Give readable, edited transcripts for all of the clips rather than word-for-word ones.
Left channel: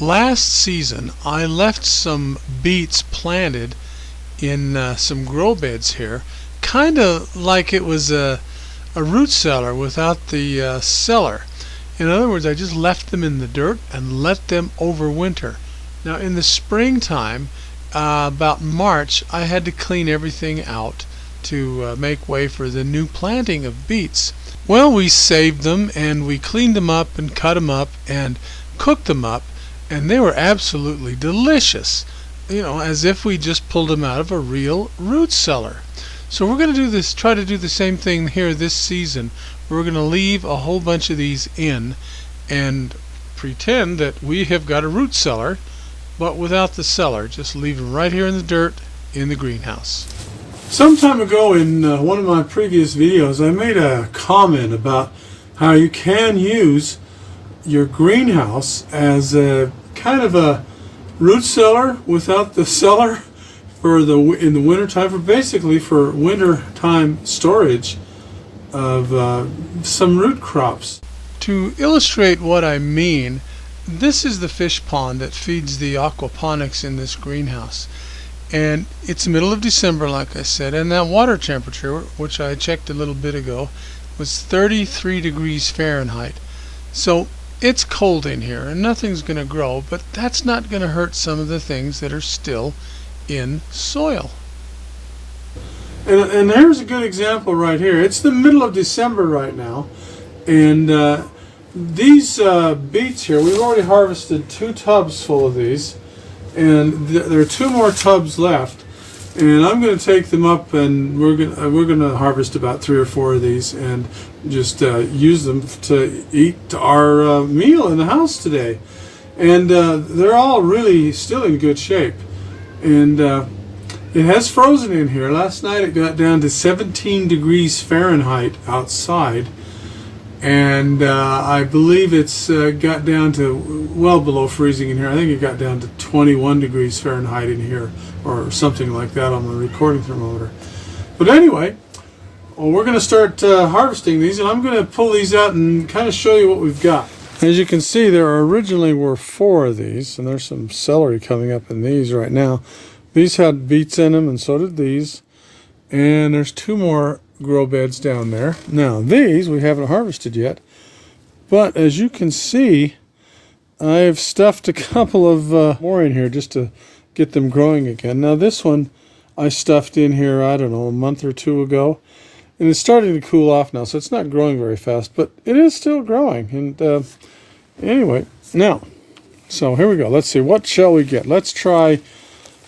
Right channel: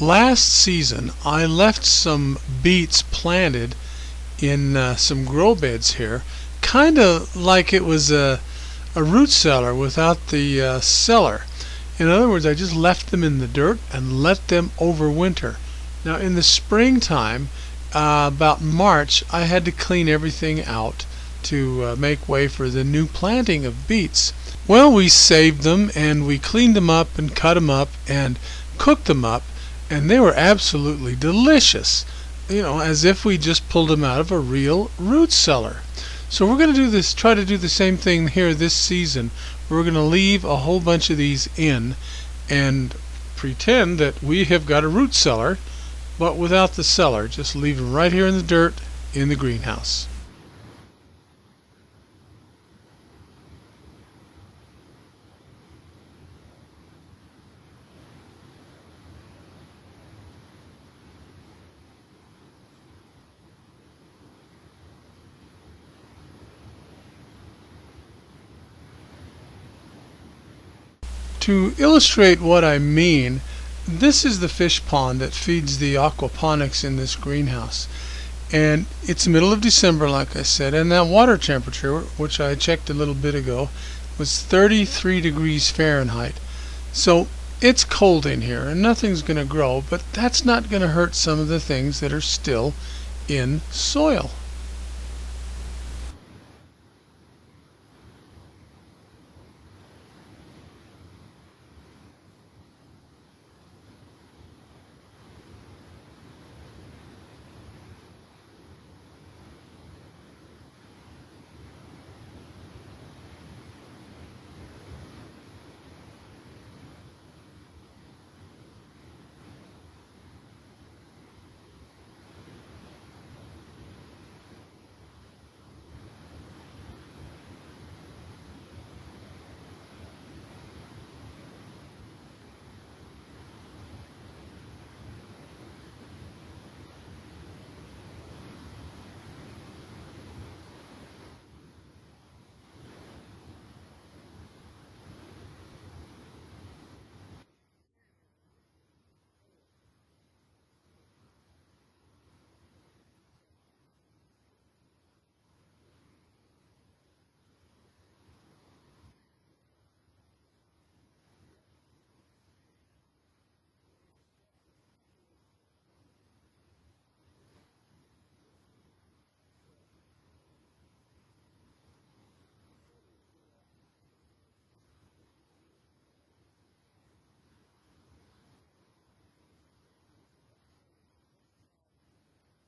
Last season I left some beets planted in some grow beds here, kind of like it was a root cellar without the cellar. In other words, I just left them in the dirt and let them overwinter. Now in the springtime, about March, I had to clean everything out to make way for the new planting of beets. Well, we saved them and we cleaned them up and cut them up and cooked them up, and they were absolutely delicious. As if we just pulled them out of a real root cellar. So we're going to try to do the same thing here this season. We're going to leave a whole bunch of these in and pretend that we have got a root cellar, but without the cellar. Just leave them right here in the dirt in the greenhouse. Some time ago in one of my previous videos, I made a comment about how you can use your greenhouse as a kind of a root cellar without the cellar in the winter time, basically for winter time storage of some root crops. To illustrate what I mean, this is the fish pond that feeds the aquaponics in this greenhouse. And it's the middle of December, like I said, and that water temperature, which I checked a little bit ago, was 33 degrees Fahrenheit. So it's cold in here and nothing's going to grow, but that's not going to hurt some of the things that are still in soil. And there's a good example right here. It's the middle of December right now, and these beets here, we've already harvested 2 tubs full of these, and there are 2 more tubs left, and I'm going to take them up, and we're going to harvest about 3 or 4 of these and just use them to eat our meal in the house today. And they're all really still in good shape, and it has frozen in here. Last night it got down to 17 degrees Fahrenheit outside, and I believe it's got down to well below freezing in here. I think it got down to 21 degrees Fahrenheit in here, or something like that on the recording thermometer. But anyway, we're going to start harvesting these, and I'm going to pull these out and kind of show you what we've got. As you can see, there originally were 4 of these, and there's some celery coming up in these right now. These had beets in them, and so did these. And there's 2 more grow beds down there. Now these we haven't harvested yet, but as you can see, I've stuffed a couple of more in here just to get them growing again. Now this one I stuffed in here, I don't know, a month or 2 ago, and it's starting to cool off now, so it's not growing very fast, but it is still growing. And anyway, now, so here we go. Let's see, what shall we get? Let's try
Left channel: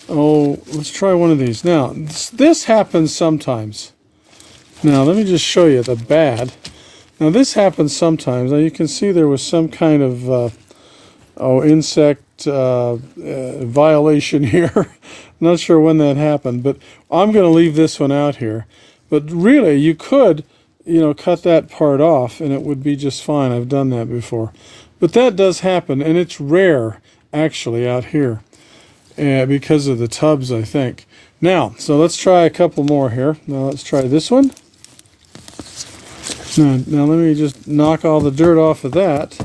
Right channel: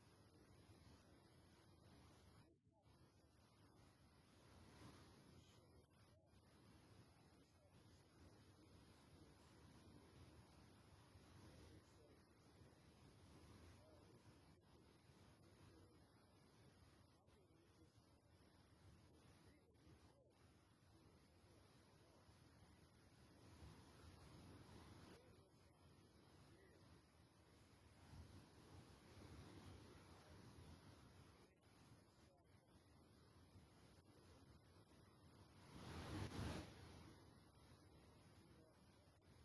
one of these. Now this happens sometimes. Now let me just show you the bad. Now this happens sometimes. Now you can see there was some kind of insect violation here. Not sure when that happened, but I'm going to leave this one out here. But really, you could, cut that part off and it would be just fine. I've done that before. But that does happen, and it's rare actually out here because of the tubs, I think. Now, so let's try a couple more here. Now let's try this one. Now let me just knock all the dirt off of that.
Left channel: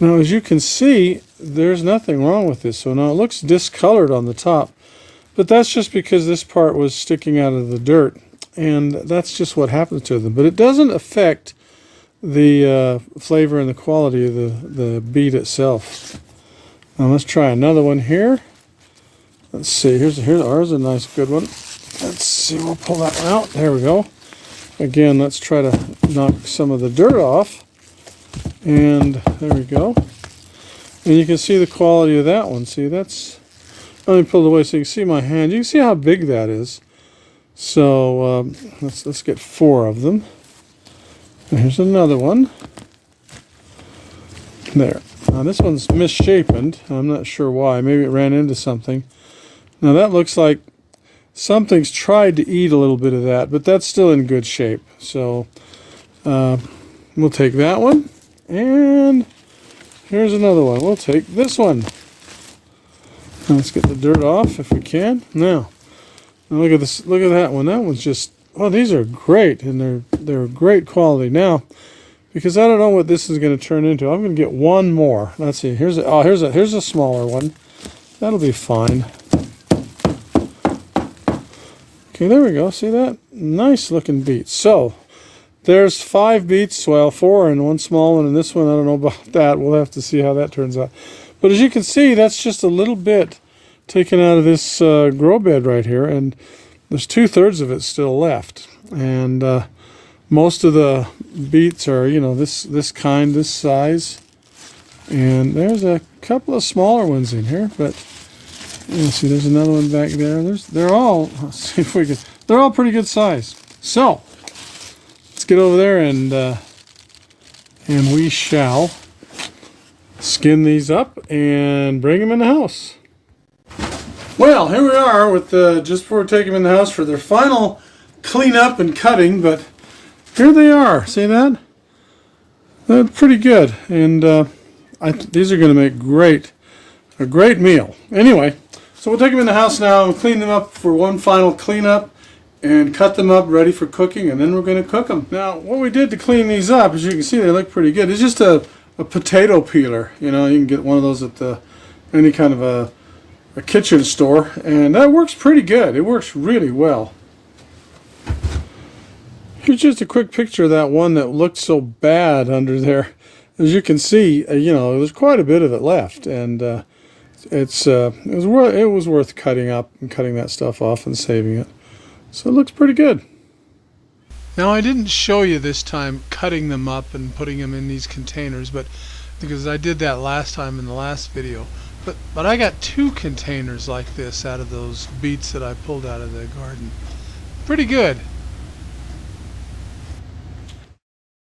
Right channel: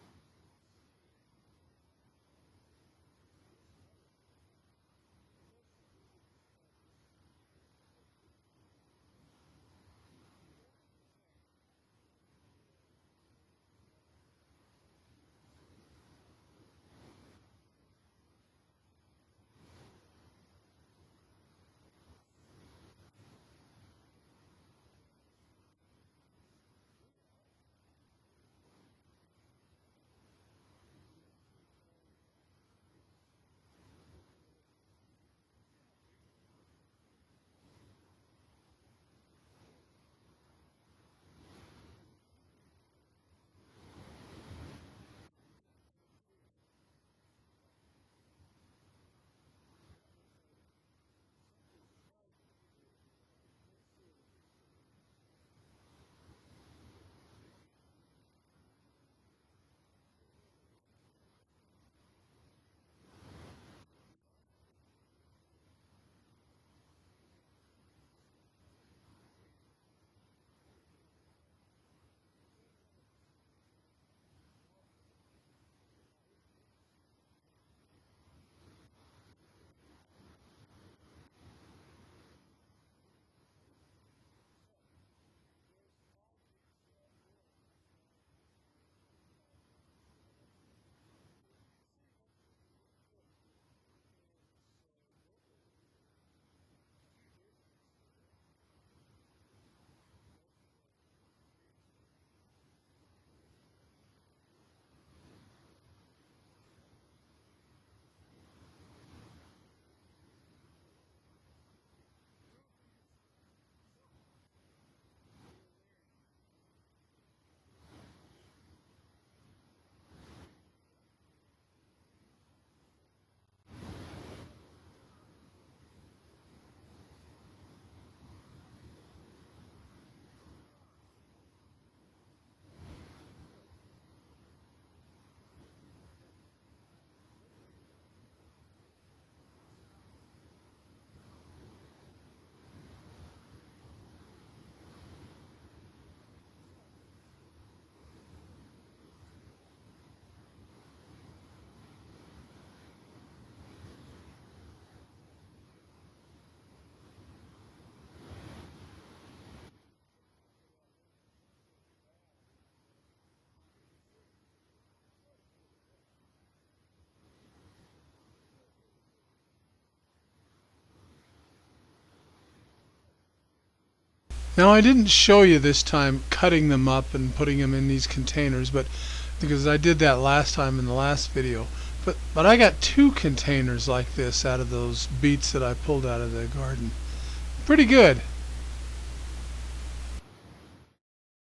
Now as you can see, there's nothing wrong with this. So now it looks discolored on the top, but that's just because this part was sticking out of the dirt, and that's just what happens to them. But it doesn't affect the flavor and the quality of the beet itself. Now let's try another one here. Let's see, here's ours, a nice good one. Let's see, we'll pull that one out. There we go. Again, let's try to knock some of the dirt off. And there we go. And you can see the quality of that one. See, that's, let me pull it away so you can see my hand. You can see how big that is. So let's get 4 of them. Here's another one. There. Now this one's misshapen. I'm not sure why. Maybe it ran into something. Now that looks like something's tried to eat a little bit of that, but that's still in good shape. So we'll take that one. And here's another one. We'll take this one. Let's get the dirt off if we can. Now look at this. Look at that one. That one's just, oh, these are great, and they're great quality. Now because I don't know what this is going to turn into. I'm going to get one more. Let's see. Here's a smaller one. That'll be fine. Okay, there we go. See that? Nice looking beets. So there's 5 beets. Well, 4 and one small one, and this one I don't know about that. We'll have to see how that turns out. But as you can see, that's just a little bit taken out of this grow bed right here, and there's 2/3 of it still left. And most of the beets are, you know, this size. And there's a couple of smaller ones in here, but you see, there's another one back there. They're all, let's see if we can, they're all pretty good size. So let's get over there and we shall skin these up and bring them in the house. Well, here we are with just before we take them in the house for their final cleanup and cutting, but here they are. See that? They're pretty good, and these are going to make a great meal. Anyway, so we'll take them in the house now and clean them up for one final cleanup and cut them up ready for cooking, and then we're going to cook them. Now, what we did to clean these up, as you can see, they look pretty good. It's just a potato peeler. You know, you can get one of those at any kind of a kitchen store, and that works pretty good. It works really well. Here's just a quick picture of that one that looked so bad under there. As you can see, you know, there's quite a bit of it left, and it was worth cutting up and cutting that stuff off and saving it. So it looks pretty good. Now, I didn't show you this time cutting them up and putting them in these containers, but because I did that last time in the last video. But I got 2 containers like this out of those beets that I pulled out of the garden. Pretty good.